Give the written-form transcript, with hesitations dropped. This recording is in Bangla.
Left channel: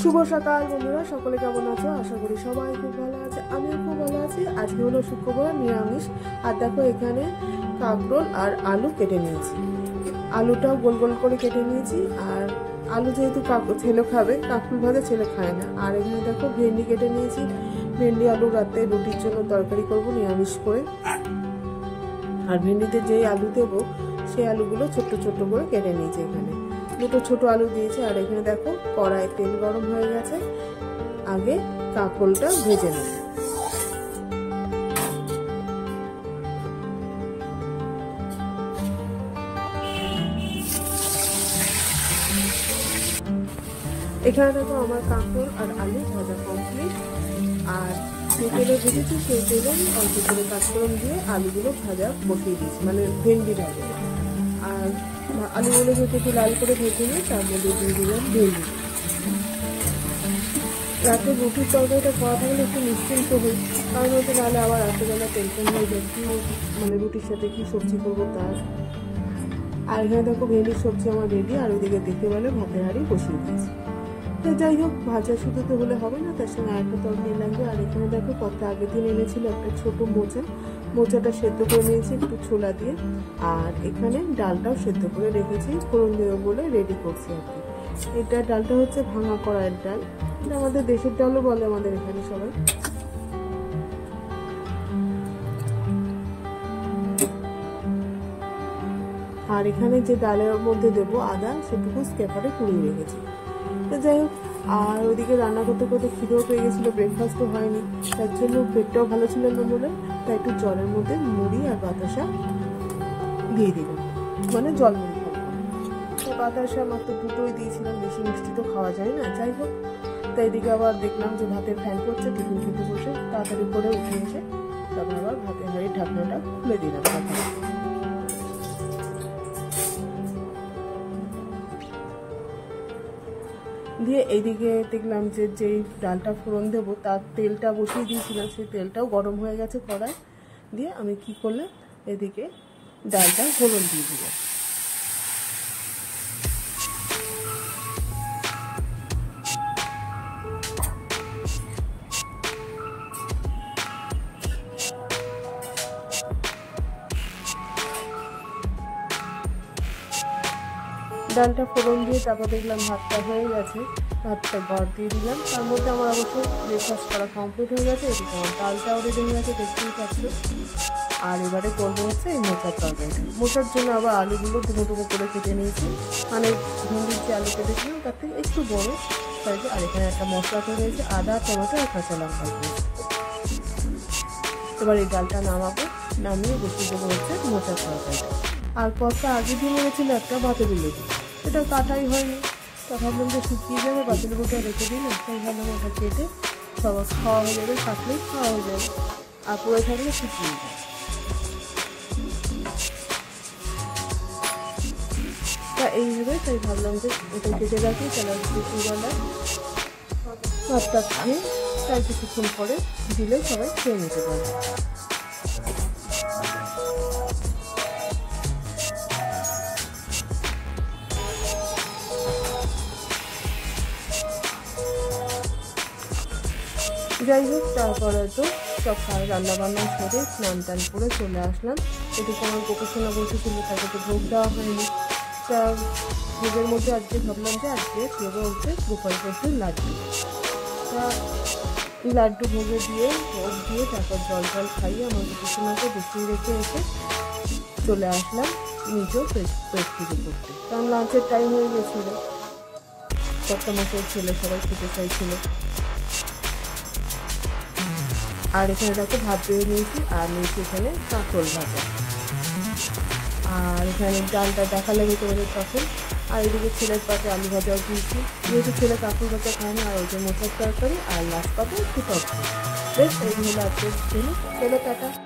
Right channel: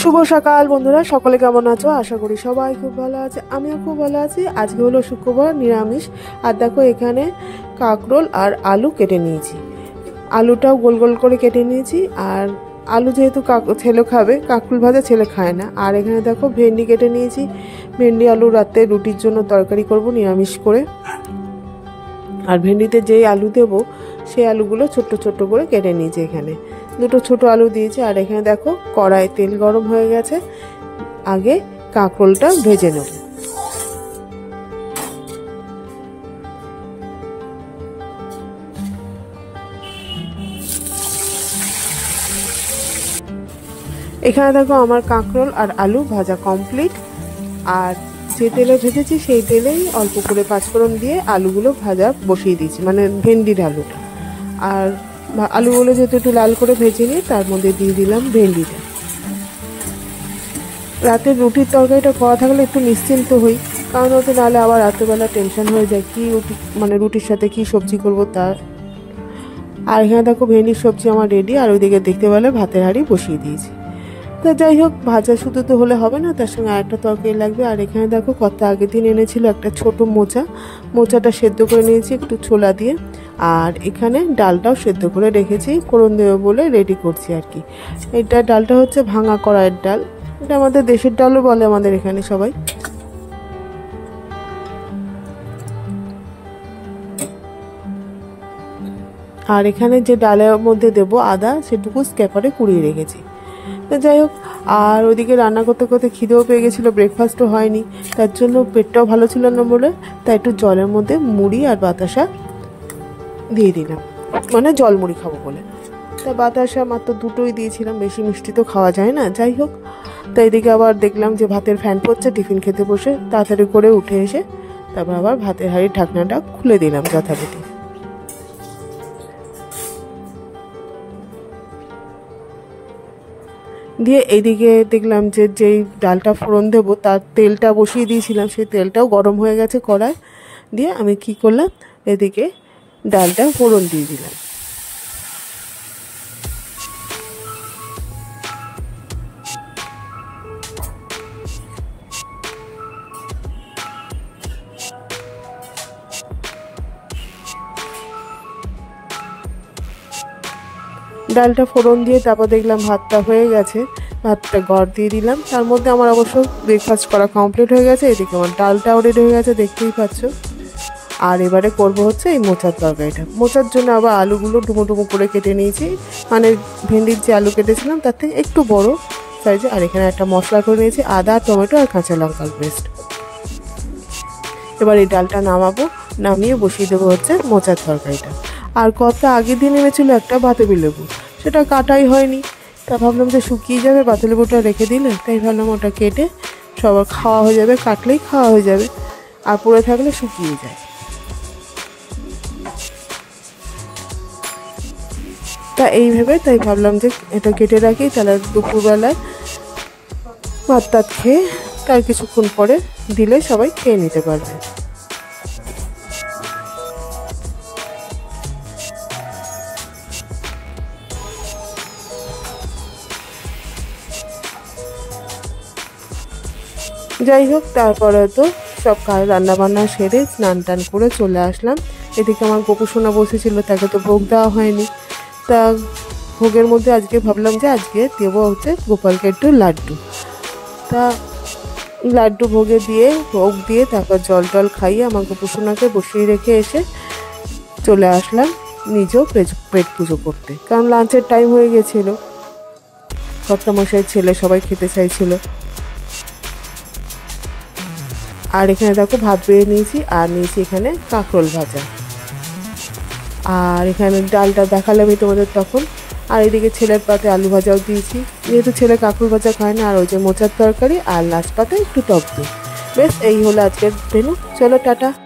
শুভ সকাল বন্ধুরা, সকলে কেমন আছো? আশা করি সবাই খুব ভালো আছে। আমিও খুব ভালো আছি। আজকে হলো শুক্রবার, নিরামিষ। আর দেখো এখানে কাঁকরোল আর আলু কেটে নিয়েছি। আলুটাও গোল গোল করে কেটে নিয়েছি। আর আলু যেহেতু ছেলে খাবে, কাঁকরোল ভাজা ছেলে খায় না। আর এখানে দেখো ভেন্ডি কেটে নিয়েছি। ভেন্ডি আলু রাতে রুটির জন্য তরকারি করব নিরামিষ করে। আর ভেন্ডিতে যেই আলু দেবো সেই আলুগুলো ছোট্ট ছোট্ট করে কেটে নিয়েছি। এখানে দুটো ছোট আলু দিয়েছি। আর এখানে দেখো কড়াই তেল গরম হয়ে গেছে। আগে কাঁকরোলটা ভেজে নেব। এখানে দেখো আমার কাঁকরোল আর আলু ভাজা কমপ্লিট। আর যে তেলে ভেজেছি সেই তেলেই অল্প করে পাঁচফোড়ন দিয়ে আলুগুলো ভাজা বসিয়ে দিয়েছি, মানে ভেন্ডির আলুটা। আর আলুগুলো যেহেতু একটু লাল করে ভেজে নিই, তার মধ্যে দিয়ে দিলাম ভেন্ডিটা। রাতে রুটির তরকারিটা করা থাকলে একটু নিশ্চিন্ত হই, কারণ ওতে নাহলে আবার রাত্রেবেলা টেনশন হয়ে যায় কি মানে রুটির সাথে কি সবজি করব তার। আর এখানে দেখো ভেন্ডির সবজি আমার রেডি। আর ওইদিকে দেখতে পেলে ভাতের হাঁড়ি বসিয়ে দিয়েছি। তো যাই হোক, ভাজা শুধু তো হলে হবে না, তার সঙ্গে আরেকটা তরকারি লাগবে। আর এখানে দেখো কত আগের দিন এনেছিল একটা ছোট মোচাটা সেদ্ধ করে নিয়েছি একটু ছোলা দিয়ে। আর এখানে ডালটাও সেদ্ধ করে রেখেছি, ফোড়ন দেবো বলে রেডি করছি আর কি। এটা ডালটা হচ্ছে ভাঙা কড়াইয়ের ডাল। এটা আমাদের দেশের ডালও বলে আমাদের এখানে সবাই। আর এখানে যে ডালের মধ্যে দেবো আদা, সেটুকু স্ক্যাপারে কুড়িয়ে রেখেছি। তো যাই হোক, আর ওইদিকে রান্না করতে করতে খিদেও পেয়ে গেছিলো, ব্রেকফাস্টও হয়নি, তার জন্য পেটটাও ভালো ছিল না বলে তাই একটু জলের মধ্যে মুড়ি আর বাতাসা দিয়ে দিলাম, মানে জল মুড়ি খাবো বলে। তো বাতাসা মাত্র দুটোই দিয়েছিলাম, বেশি মিষ্টি তো খাওয়া যায় না। যাই হোক, তো এদিকে আবার দেখলাম যে ভাতের ফ্যান পড়ছে, টিফিন খেতে বসে তাড়াতাড়ি করে উঠে এসে তারপর আবার ভাতের হাঁড়ির ঢাকনাটা খুলে দিলাম যথারীতি। দিয়ে এইদিকে দেখলাম যে যেই ডালটা ফোড়ন দেবো তার তেলটা বসিয়ে দিয়েছিলাম, সেই তেলটাও গরম হয়ে গেছে কড়াই। দিয়ে আমি কি করলাম, এদিকে ডালটা ফোড়ন দিয়ে দিলাম। ডালটা ফোড়ন দিয়ে তারপর দেখলাম ভাতটা হয়ে গেছে, ভাতটা গড় দিয়ে দিলাম। তার মধ্যে আমার অবশ্য ব্রেকফাস্ট করা কমপ্লিট হয়ে গেছে। এদিকে আমার ডালটাও রেডি হয়ে গেছে, দেখতেই পাচ্ছ। আর এবারে করবো হচ্ছে এই মোচার তরকারিটা। মোচার জন্য আবার আলুগুলো ডুমো ডুমো করে কেটে নিয়েছি, মানে ভেন্ডির যে আলু কেটেছিলাম তার থেকে একটু বড় সাইজে। আর এখানে একটা মশলা করে নিয়েছি, আদা, টমেটো আর কাঁচা লঙ্কার পেস্ট। এবার এই ডালটা নামাবো, নামিয়ে বসিয়ে দেবো হচ্ছে মোচার তরকারিটা। আর কত আগের দিন এনেছিল একটা বাতাবি লেবু, সেটা কাটাই হয়নি। তা ভাবলাম যে শুকিয়ে যাবে, বাতালেবুটা রেখে দিলে, তাই ভাবলাম ওটা কেটে সবার খাওয়া হয়ে যাবে, কাটলেই খাওয়া হয়ে যাবে, আর পড়ে থাকলে শুকিয়ে যায়। তা এইভাবে তাই ভাবলাম যে এটা কেটে রাখি, তাহলে দুপুরবেলায় ভাত টাত খেয়ে তার কিছুক্ষণ পরে দিলে সবাই খেয়ে নিতে পারবে। যাই হোক, তারপরে তো সব রান্না বান্না সেরে স্নান টান করে চলে আসলাম। এদিকে আমার গোপুসোনা বসেছিল, তাকে তো ভোগ দেওয়া হয়নি। তা ভোগের মধ্যে আজকে ভাবলাম যে আজকে দেবো হচ্ছে গোপালকে একটু লাড্ডু। তা লাড্ডু ভোগে দিয়ে ভোগ দিয়ে তারপর জল টল খাইয়ে আমার গোপুসোনাকে বসিয়ে রেখে এসে চলে আসলাম নিজেও পেট পুজো করতে, কারণ লাঞ্চের টাইম হয়ে গেছিলো। কর্তামশাই ছেলে সবাই খেতে চাইছিল। আর এখানে দেখো ভাত বেড়ে নিয়েছি, আর নিয়েছি এখানে কাঁকরোল ভাজা। আর এখানে ডালটা দেখালামই তোমাদের তখন। আর এদিকে ছেলের পাতে আলু ভাজাও দিয়েছি, যেহেতু ছেলে কাঁকরোল ভাজা খায় না। আর ওই যে মোচার তরকারি, আর লাস্ট পাতে একটু টক দিই। বেশ, এই হলো আজকের মেনু। চলো টাটা।